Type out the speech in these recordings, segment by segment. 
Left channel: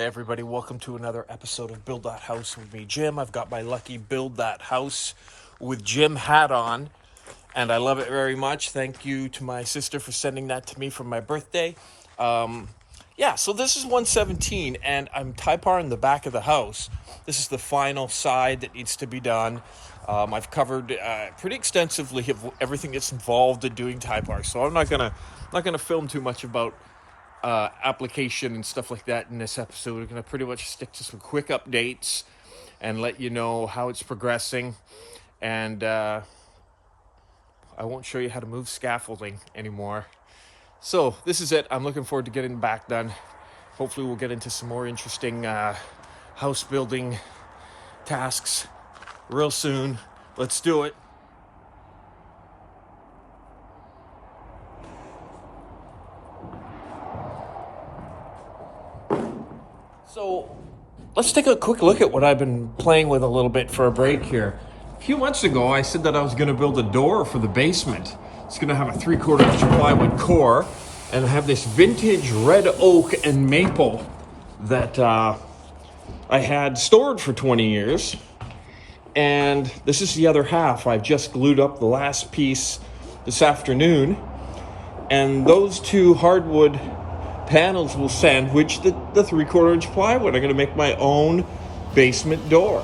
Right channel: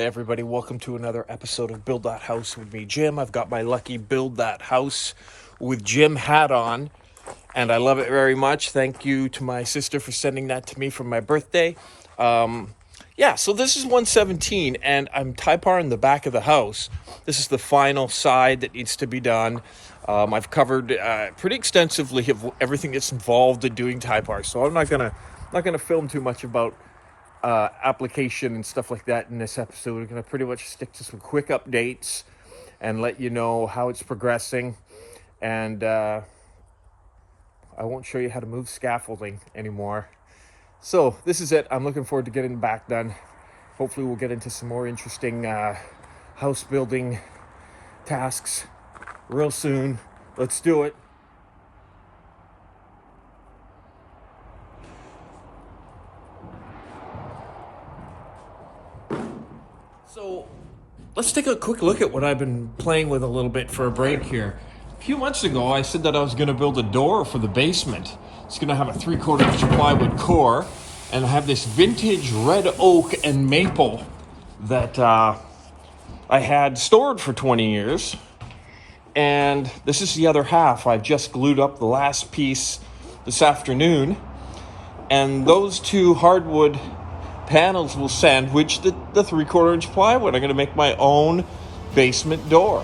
Hey everybody, welcome to another episode of Build That House with me, Jim. I've got my lucky Build That House with Jim hat on, and I love it very much. Thank you to my sister for sending that to me for my birthday. So this is 117, and I'm Typar in the back of the house. This is the final side that needs to be done. I've covered pretty extensively of everything that's involved in doing Typar, so I'm not gonna film too much about application and stuff like that in this episode. We're going to pretty much stick to some quick updates and let you know how it's progressing. And I won't show you how to move scaffolding anymore. So this is it. I'm looking forward to getting the back done. Hopefully we'll get into some more interesting house building tasks real soon. Let's do it. So let's take a quick look at what I've been playing with a little bit for a break here. A few months ago, I said that I was going to build a door for the basement. It's going to have a 3/4 inch plywood core and have this vintage red oak and maple that I had stored for 20 years. And this is the other half. I just glued up the last piece this afternoon. And those two hardwood panels will sandwich the 3/4 inch plywood. I'm going to make my own basement door.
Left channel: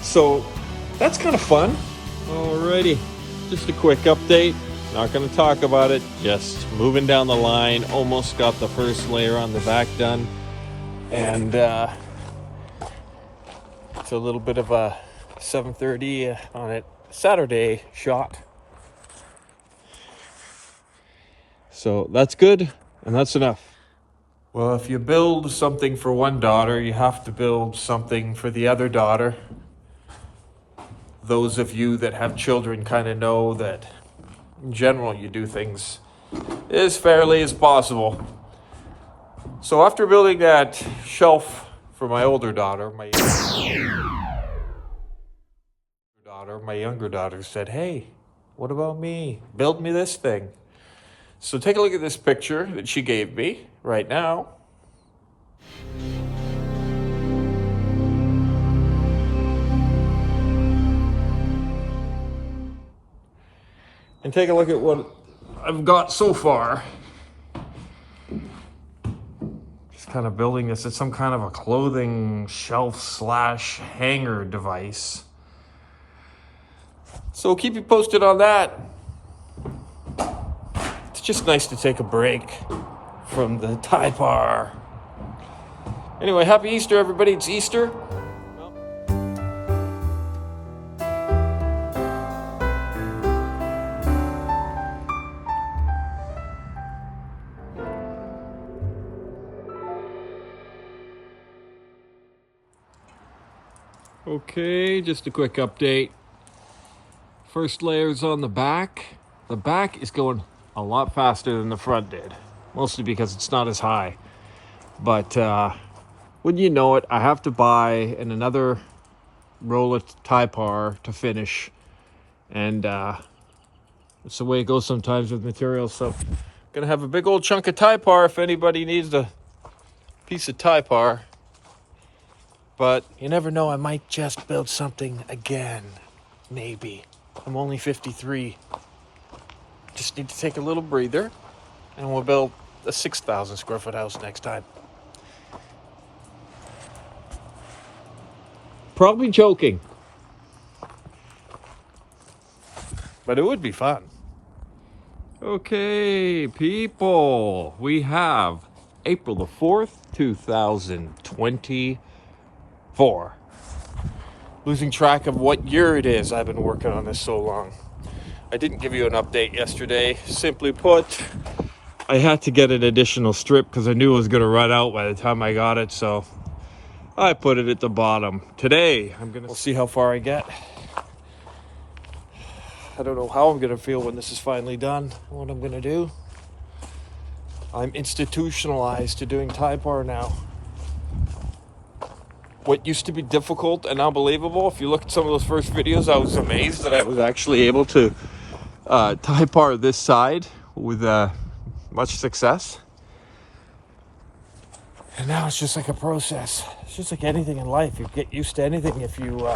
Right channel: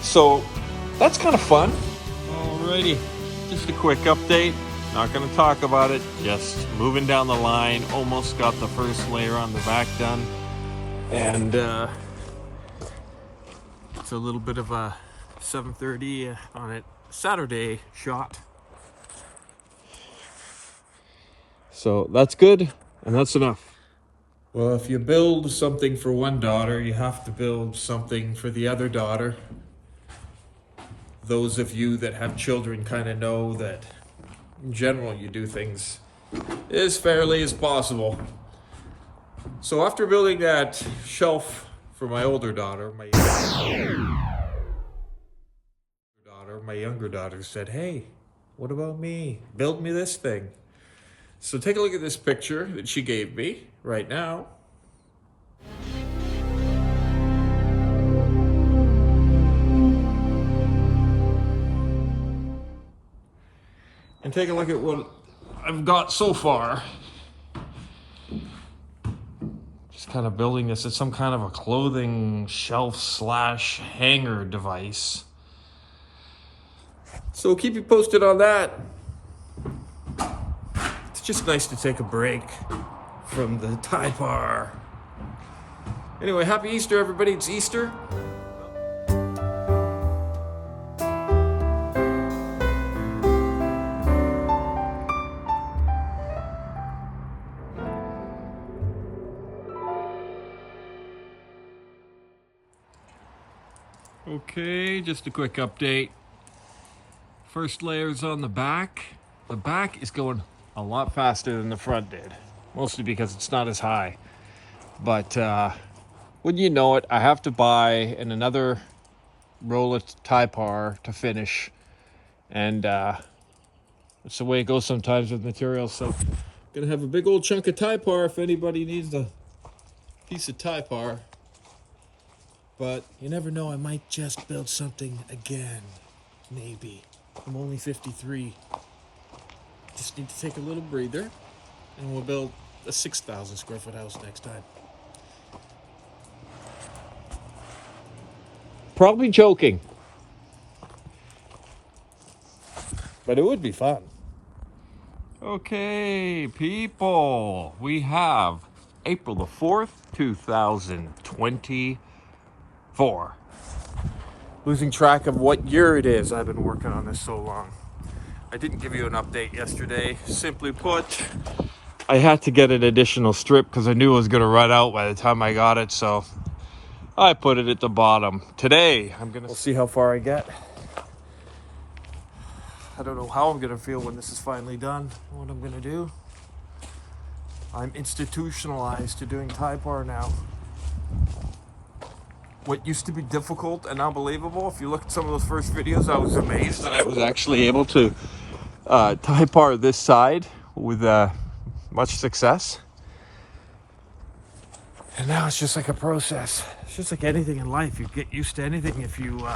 So that's kind of fun. Alrighty, just a quick update. Not going to talk about it, just moving down the line. Almost got the first layer on the back done. And it's a little bit of a 7:30 on it Saturday shot. So that's good, and that's enough. Well, if you build something for one daughter, you have to build something for the other daughter. Those of you that have children kind of know that in general you do things as fairly as possible. So after building that shelf for my older daughter, my younger daughter said, "Hey, what about me? Build me this thing." So take a look at this picture that she gave me right now. And take a look at what I've got so far. Just kind of building this as some kind of a clothing shelf / hanger device. So keep you posted on that. It's just nice to take a break from the Typar. Anyway, happy Easter, everybody. It's Easter. Okay, just a quick update. First layer's on the back. The back is going a lot faster than the front did, mostly because it's not as high. But wouldn't you know it, I have to buy another roll of Typar to finish, and it's the way it goes sometimes with materials. So I'm gonna have a big old chunk of Typar if anybody needs a piece of Typar. But you never know, I might just build something again, maybe. I'm only 53. Just need to take a little breather, and we'll build a 6,000 square foot house next time. Probably joking, but it would be fun. Okay, people, we have April the 4th, 2024. Losing track of what year it is. I've been working on this so long. I didn't give you an update yesterday. Simply put, I had to get an additional strip because I knew it was going to run out by the time I got it, so I put it at the bottom. Today, we'll see how far I get. I don't know how I'm going to feel when this is finally done, what I'm going to do. I'm institutionalized to doing Typar now. What used to be difficult and unbelievable, if you look at some of those first videos, I was amazed that I was actually able to Typar this side with much success. And now it's just like a process. It's just like anything in life. You get used to anything if you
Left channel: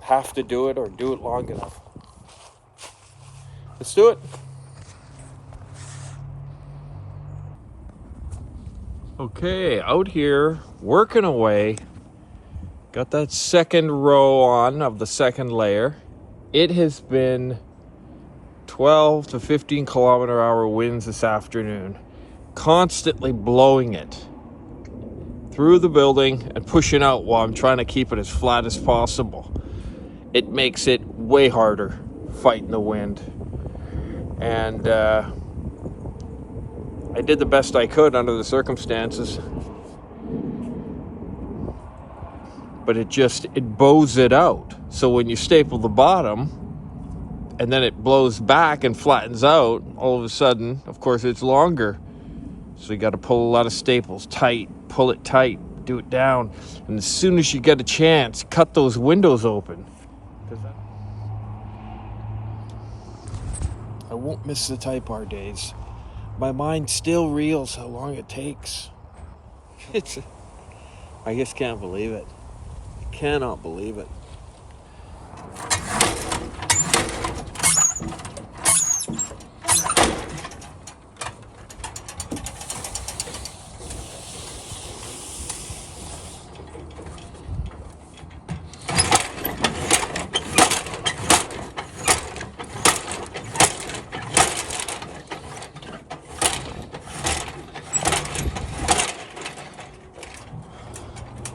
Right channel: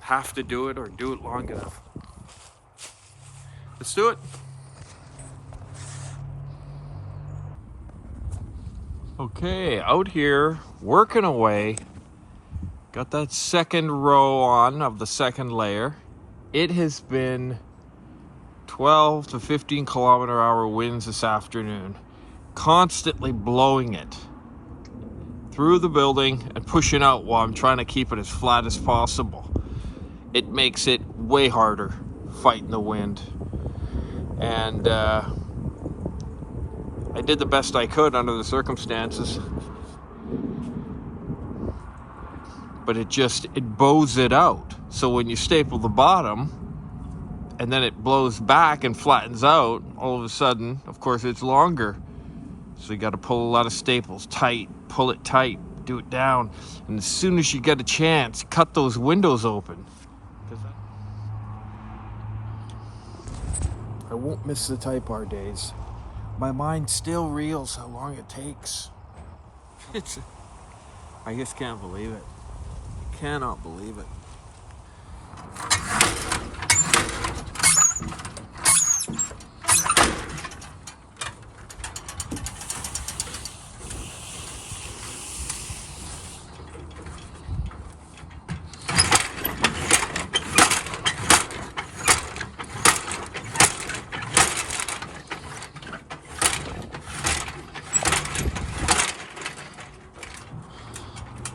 have to do it or do it long enough. Let's do it. Okay, out here, working away. Got that second row on of the second layer. It has been 12 to 15 kilometer-hour winds this afternoon, constantly blowing it through the building and pushing out while I'm trying to keep it as flat as possible. It makes it way harder fighting the wind. And I did the best I could under the circumstances. But it bows it out. So when you staple the bottom and then it blows back and flattens out, all of a sudden, of course, it's longer. So you got to pull a lot of staples tight, pull it tight, do it down. And as soon as you get a chance, cut those windows open. I won't miss the Typar days. My mind still reels how long it takes. I just can't believe it. Cannot believe it.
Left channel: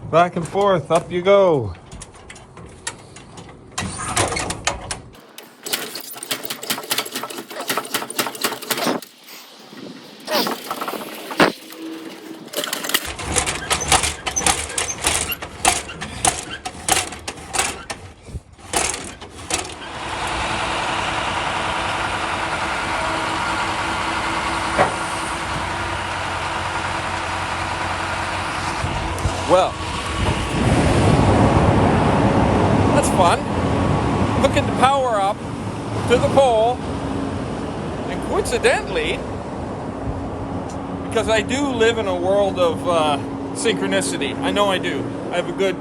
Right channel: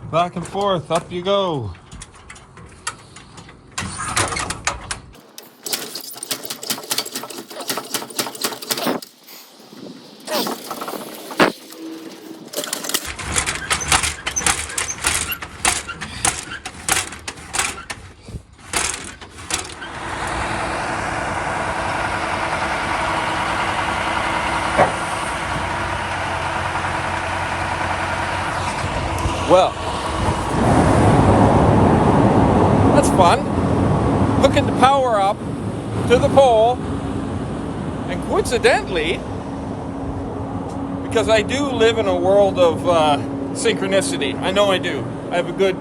Back and forth, up you go. Well, that's fun. Hooking the power up to the pole, and coincidentally, because I do live in a world of synchronicity. I know I do. I have a good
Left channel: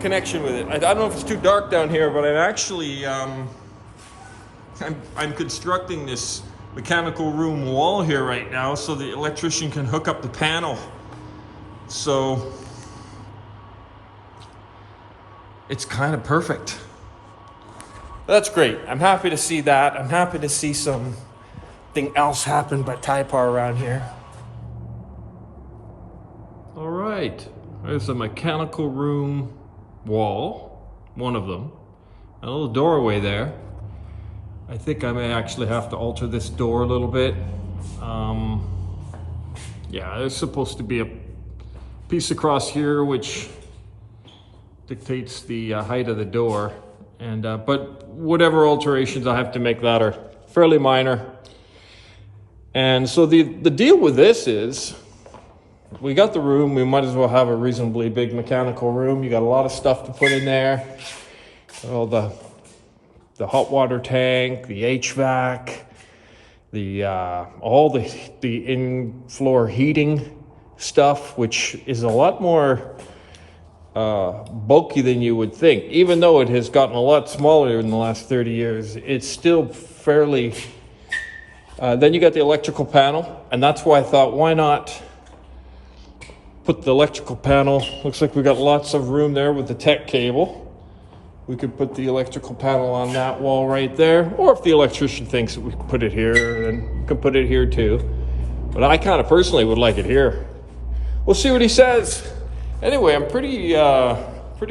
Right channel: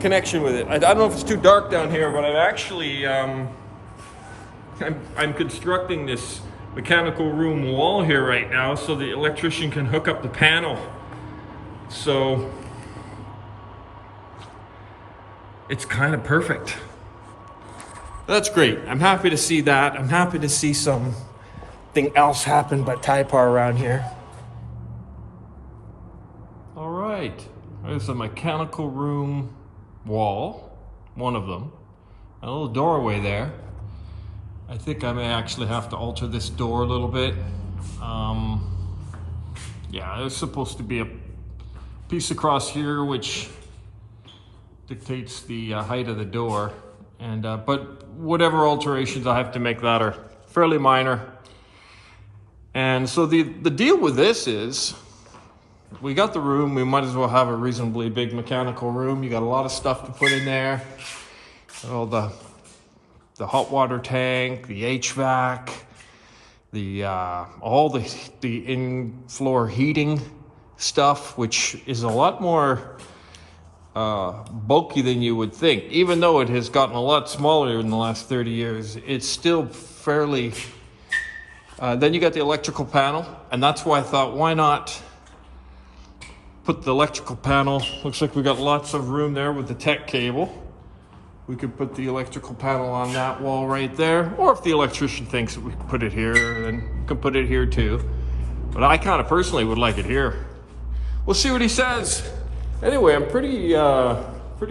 connection with it. I don't know if it's too dark down here, but I'm actually I'm constructing this mechanical room wall here right now so the electrician can hook up the panel. So it's kind of perfect. That's great. I'm happy to see that. I'm happy to see something else happen but Typar around here. All right, there's a mechanical room wall, one of them. A little doorway there. I think I may actually have to alter this door a little bit. Yeah, there's supposed to be a piece across here which dictates the height of the door, and but whatever alterations I have to make that are fairly minor. And so the deal with this is, we got the room, we might as well have a reasonably big mechanical room. You got a lot of stuff to put in there. All the hot water tank, the HVAC, all the in-floor heating stuff, which is a lot more bulky than you would think. Even though it has gotten a lot smaller in the last 30 years, it's still fairly... then you got the electrical panel, and that's why I thought, why not put the electrical panel... Looks like we got lots of room there with the tech cable. We could put the electrical panel on that wall right there, or if the electrician thinks that we can put it here, then we can put it here too. But I kind of personally would like it here. We'll see what he says. Anyway, I'm pretty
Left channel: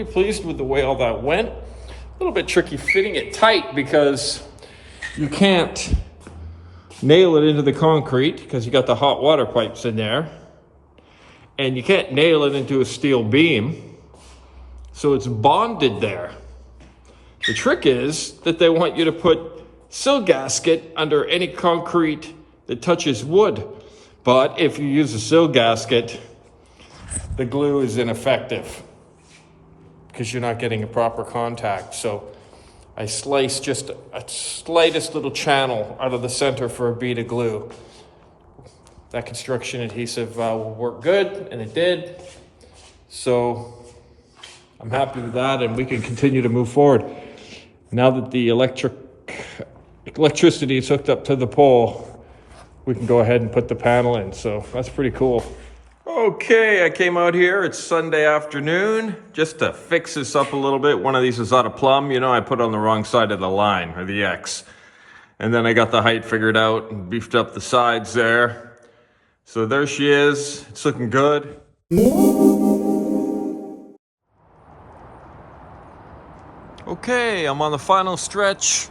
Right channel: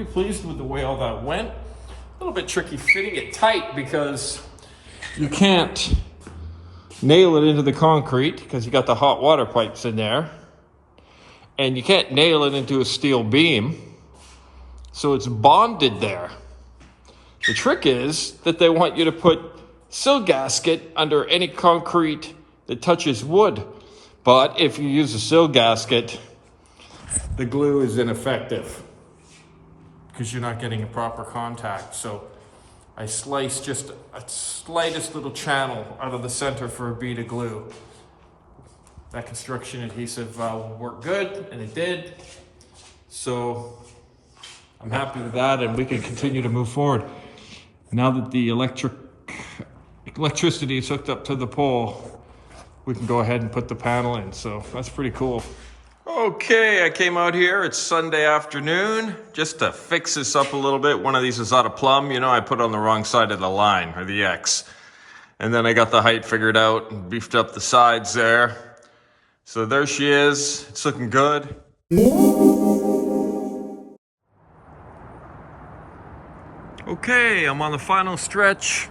pleased with the way all that went. A little bit tricky fitting it tight because you can't nail it into the concrete because you got the hot water pipes in there, and you can't nail it into a steel beam, so it's bonded there. The trick is that they want you to put sill gasket under any concrete that touches wood, but if you use a sill gasket, the glue is ineffective because you're not getting a proper contact. So I sliced just a slightest little channel out of the center for a bead of glue. that construction adhesive will work good, and it did. So I'm happy with that, and we can continue to move forward. Now that the electricity is hooked up to the pole, we can go ahead and put the panel in. So that's pretty cool. Okay, I came out here. It's Sunday afternoon just to fix this up a little bit. One of these is out of plumb. You know, I put it on the wrong side of the line, or the X. And then I got the height figured out and beefed up the sides there. So there she is. It's looking good. Okay, I'm on the final stretch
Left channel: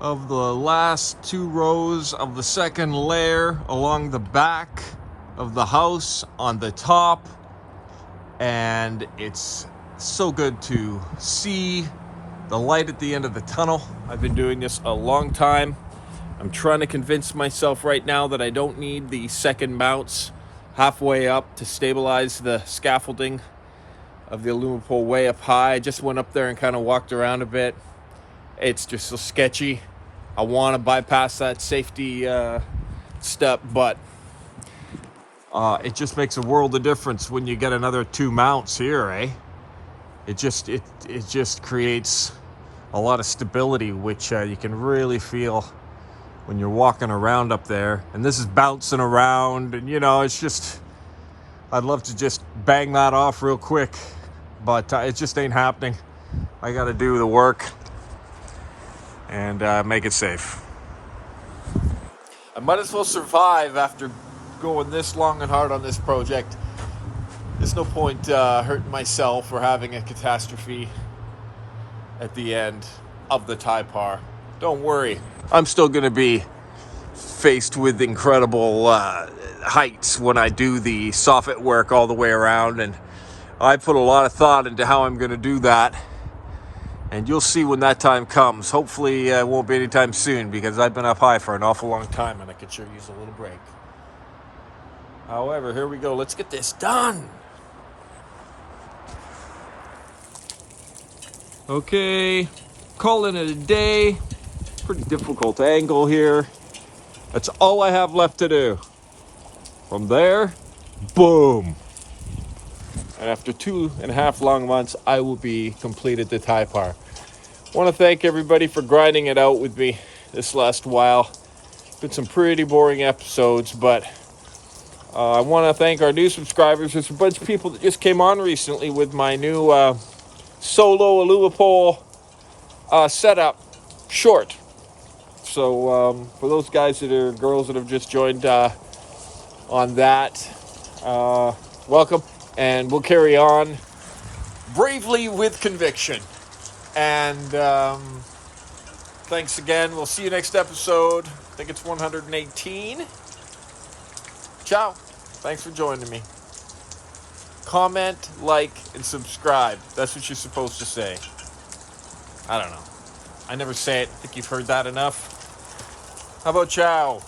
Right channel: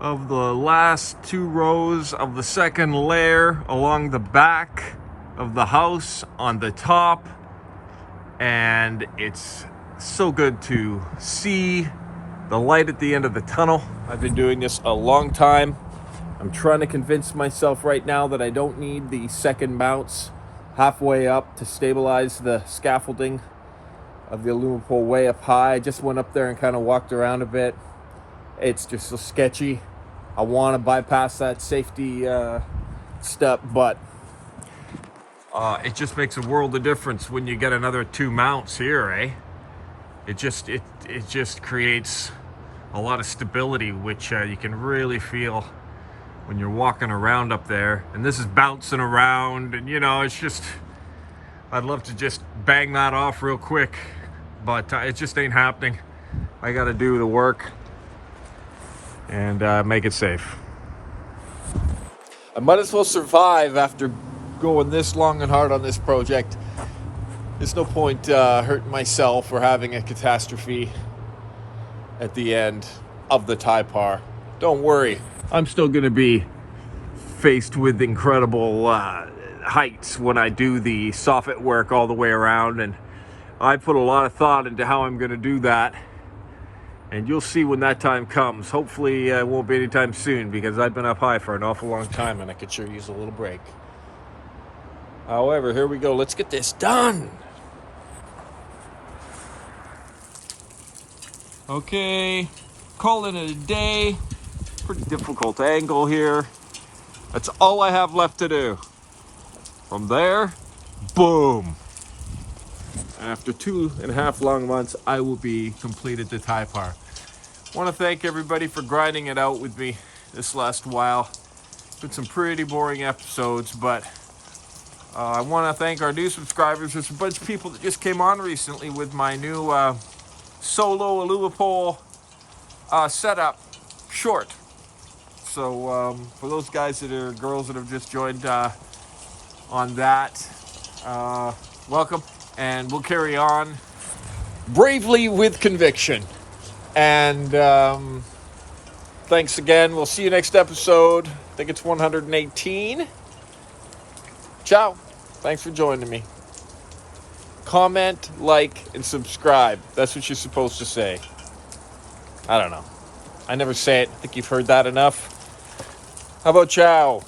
of the last 2 rows of the second layer along the back of the house on the top, and it's so good to see the light at the end of the tunnel. I've been doing this a long time. I'm trying to convince myself right now that I don't need the second mounts halfway up to stabilize the scaffolding of the aluminum pole way up high. I just went up there and kind of walked around a bit. It's just so sketchy. I want to bypass that safety step, but it just makes a world of difference when you get another 2 mounts here, eh? It just creates a lot of stability, which you can really feel when you're walking around up there. And this is bouncing around, and you know, it's just, I'd love to just bang that off real quick, but it just ain't happening. I got to do the work and make it safe. I might as well survive after going this long and hard on this project. There's no point hurting myself or having a catastrophe at the end of the Typar. Don't worry, I'm still going to be faced with incredible heights when I do the soffit work all the way around, and I put a lot of thought into how I'm going to do that, and you'll see when that time comes. Hopefully it won't be anytime soon, because I've been up high for an awful long time and I could sure use a little break. However, here we go. Let's get this done. Okay, calling it a day. Pretty difficult angle here. That's all I have left to do. From there, boom. And after 2.5 long months, I will be completed the Typar. I want to thank everybody for grinding it out with me this last while. It's been some pretty boring episodes, but I want to thank our new subscribers. There's a bunch of people that just came on recently with my new solo aluminum setup short. So for those guys that are girls that have just joined on that, welcome, and we'll carry on bravely with conviction. And thanks again. We'll see you next episode. I think it's 118. Ciao. Thanks for joining me. Comment, like, and subscribe. That's what you're supposed to say. I don't know. I never say it. I think you've heard that enough. How about ciao?